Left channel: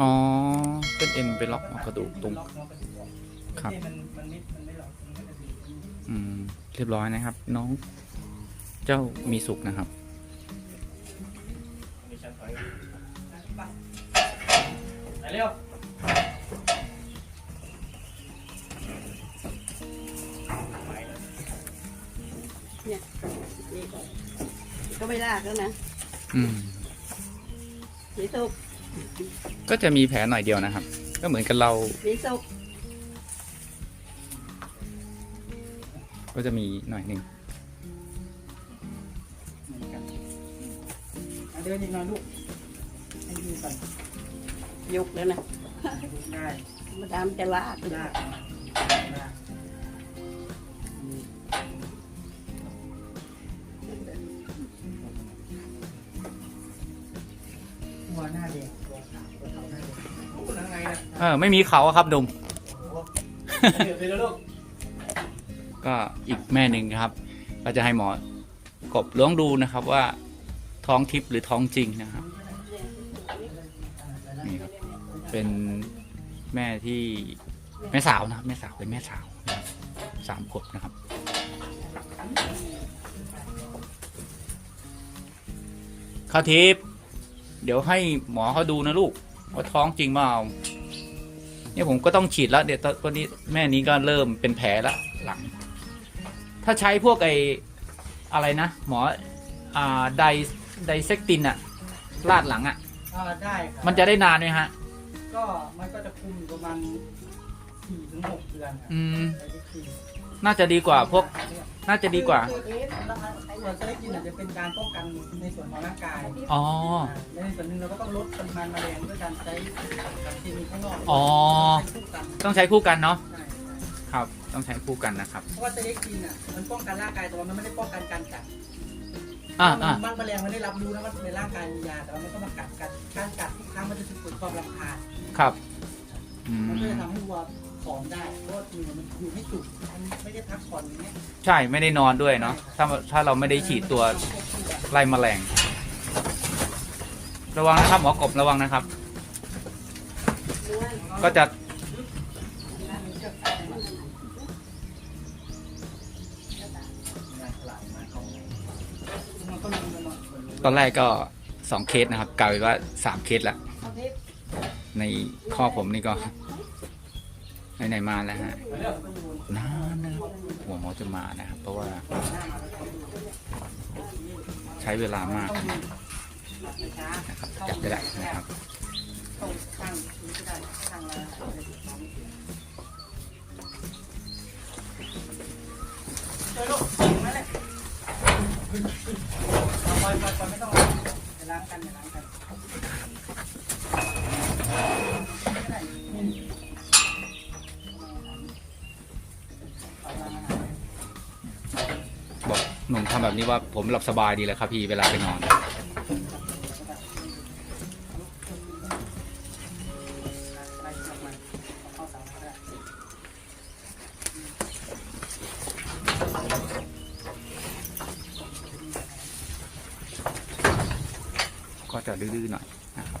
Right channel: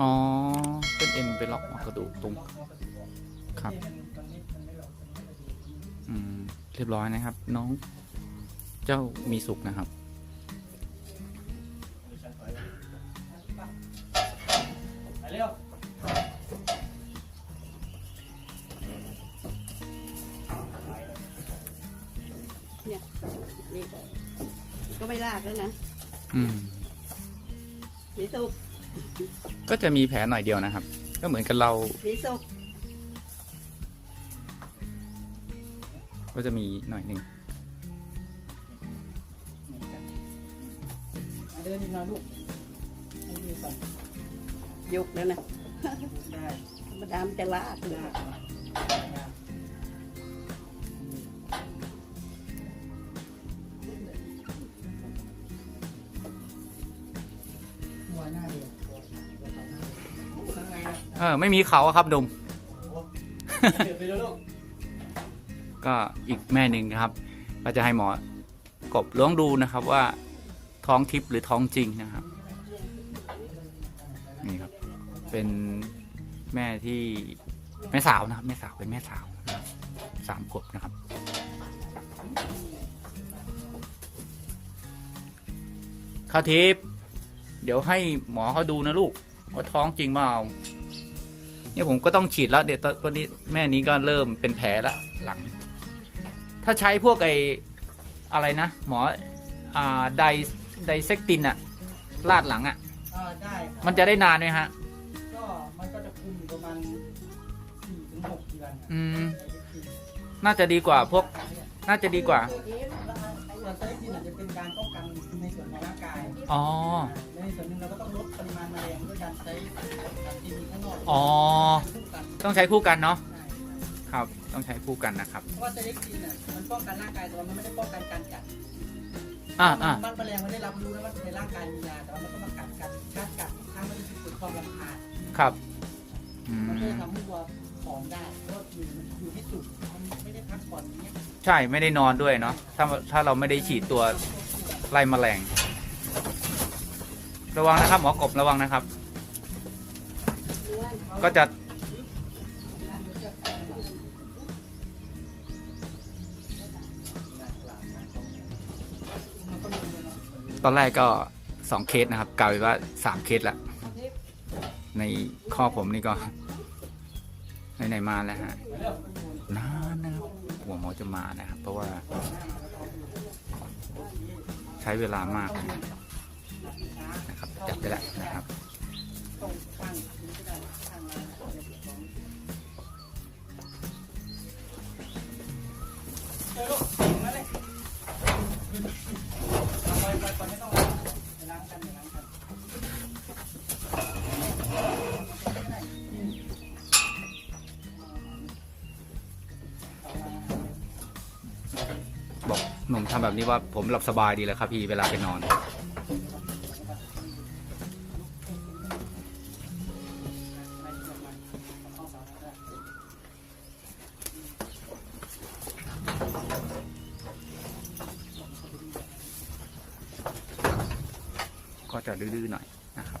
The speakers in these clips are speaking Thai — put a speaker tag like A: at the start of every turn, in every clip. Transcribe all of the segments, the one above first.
A: อ๋อเส้นเอ็นไปล็อกเอากระดูกตรงครับอืมเรียบร้อยนะครับ น้อง เจ้ามีสุขนะครับ
B: เร็ว
C: เนี่ยนี่ก็ไม่ลากแล้วนะ
A: อืม
C: สีสุก
A: ก็จะมีแผลหน่อยเดียวนะครับ ก็เหมือนกับเรา
C: สีสุก
A: ก็จะมีหน่อยหนึ่ง
B: เดินอีกหน่อยลูกให้ดีก่อน
C: ยุกแล้วนะ
B: ได้
C: มาดามจะลาก
B: ได้ได้หัว เอ
A: อไม่มีเขาอะครับดุม
B: ก
A: ก็อีกแม่หนึ่งนะครับ เราจะให้หมอกบล้วงดูนะครับว่าท้องทิพย์หรือท้องจริงนะครับนี่ครับ เป็นแม่ที่แม่สาวนะครับ แม่สาวเป็นแม่สาวสามขวบนะครับข้าวทิพย์เดี๋ยวให้หมอเขาดูนะลูกว่าท้องจริงเปล่า เนี่ยผมก็ต้องฉีดแล้วเดี๋ยวตอนนี้แม่นี้ก็เริ่มเป็นแผลละหลัง ถ้าใช้พวกไออะไรนะ หมออ่าไดไดเซกตินอะลาดหลังอะ
B: อ่าได้ครับ
A: มันจะได้นานไหมฮะ
B: ก็มันก็จะคุมอยู่ประมาณสี่ถึงหกเดือนครับ
A: อืม น่าจะดีกว่าพวก น่าจะดีกว่า
B: ส่วน สเต็กเนี่ยจะเป็นการป้องกันในส่วนของร่างกาย
A: อ๋อ
B: ในส่วนหนึ่งเราก็ต้องลดปริมาณแมลงด้วยการใช้สารเคมีข้างนอก
A: อ๋อ
B: เป็นคู่กัน
A: ต้องใช้คู่กันเนาะ
B: ใช่
A: ครับ ต้องใช้คู่กันนะครับ
B: เพราะว่าสเต็กจริงอะมันป้องกันร่างกายแต่ว่ามันไม่ได้ป้องกันการกัด
A: อ่าอ่า
B: มันแมลงมันได้รับรู้แล้วว่าในร่างกายมียาแต่ว่ามันก็มากัดกันการกัดทุกครั้งมันจะเกิดความรำคาญ
A: ครับอื
B: มันก็
A: ม
B: จะทำให้วัวผอมได้เพราะว่าคือมันอยู่ไม่สุขมันไม่ได้ พักผ่อนอย่างเงี้ย
A: ใช่ไม่ได้นอนด้วยเนาะถ้าถ้าเราไม่ได้ฉีดตัวไล่แมลง ระวังนะครับหมอกบระวังนะครับ ก็จะ ตอนแรกก็สองเคสนะครับกลายเป็นว่าสามเคสแล้วในข้อผมนี่ก็ไหนๆมาแล้วฮะ อจะมานะครับ เพราะว่า ใช้เวลามาก หนุ่มทำแบบนี้ว่าผมหลับสบายดีเลยครับพี่เวลาไปนอนก็จะดื้อๆหน่อยนะครับ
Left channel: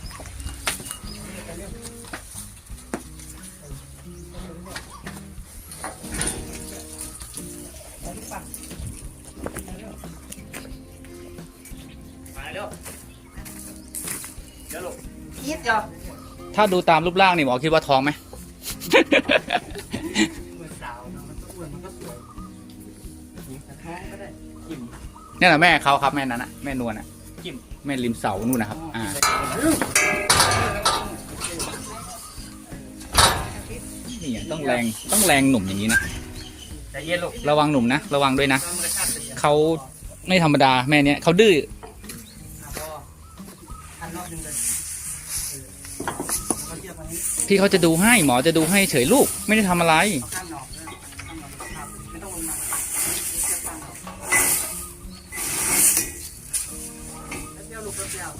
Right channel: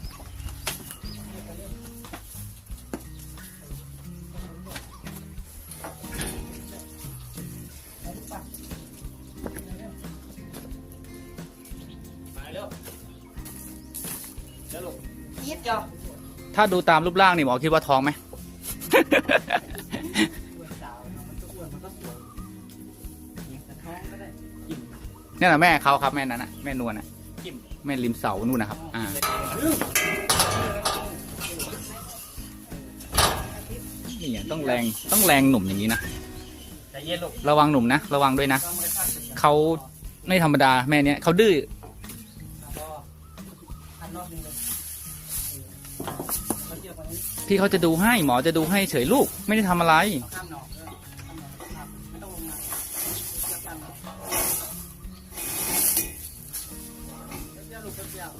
B: ยิดเดียว
A: ถ้าดูตามรูปร่างนี่หมอคิดว่าท้องไหม
B: มือสาวนะมันก็ควรมันก็สวยแต่ท้องก็ได้
A: เนี่ยแหละแม่เขาครับแม่นั้นน่ะแม่นวลน่ะ
B: จิ้ม
A: แม่ริมเสานู่นนะครับอ่าเนี่ยต้องแรงต้องแรงหนุ่มอย่างนี้นะ
B: ใจเย็นลูก
A: ระวังหนุ่มนะระวังด้วยนะ
B: น้ำมันกระชากไปเยอะ
A: เขาไม่ธรรมดาแม่เนี้ยเขาดื้อ
B: วันนี้
A: ที่เขาจะดูให้หมอจะดูให้เฉยลูกไม่ได้ทำอะไร
B: เอาข้ามหนอกด้วยข้ามหนอกครับไม่ต้องลงมาเทียบข้ามหนอกแล้วเที่ยวลูกแล้วเที่ยว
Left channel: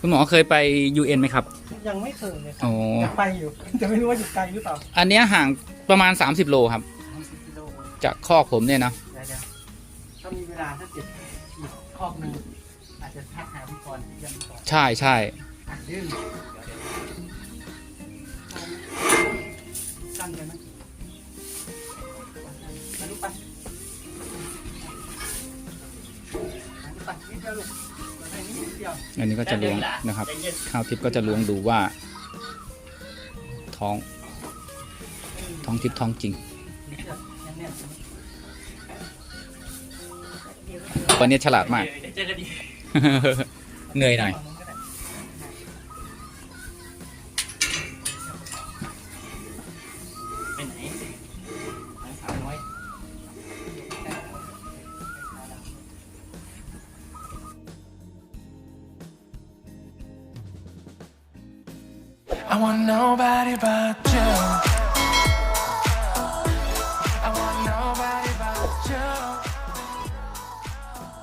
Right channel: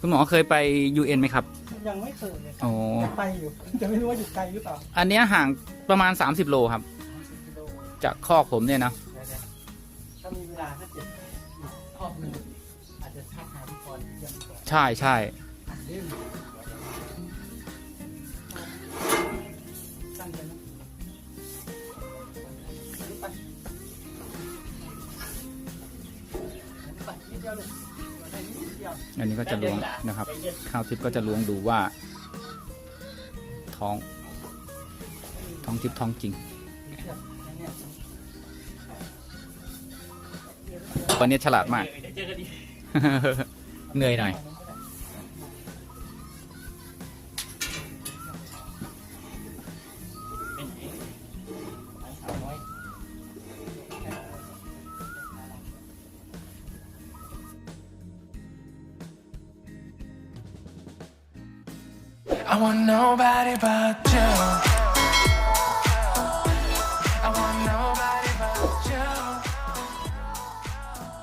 A: คุณหมอเคยไป UN ไหมครับ
B: ยังไม่เคยเลย
A: อ๋อ
B: ไปอยู่จะไม่รู้ว่าอยู่ไกลหรือเปล่า
A: อันเนี้ยห่างประมาณ 30 โลครับ
B: 20กิโล
A: จากคอกผมเนี่ยนะ
B: นะครับถ้ามีเวลาถ้าเกิดอีกข้อมูลอาจจะทักหาพี่พรที่ยังก่อน
A: ใช่ใช่อันนี้ก็จะล้วงนะครับข้าวทิพย์ก็จะล้วงดูว่า ท้อง ท้องทิพย์ท้องจริง วันนี้ฉลาดมาก เหนื่อยหน่อย
B: ไปไหนไปสาวน้อย
D: I want nobody but you.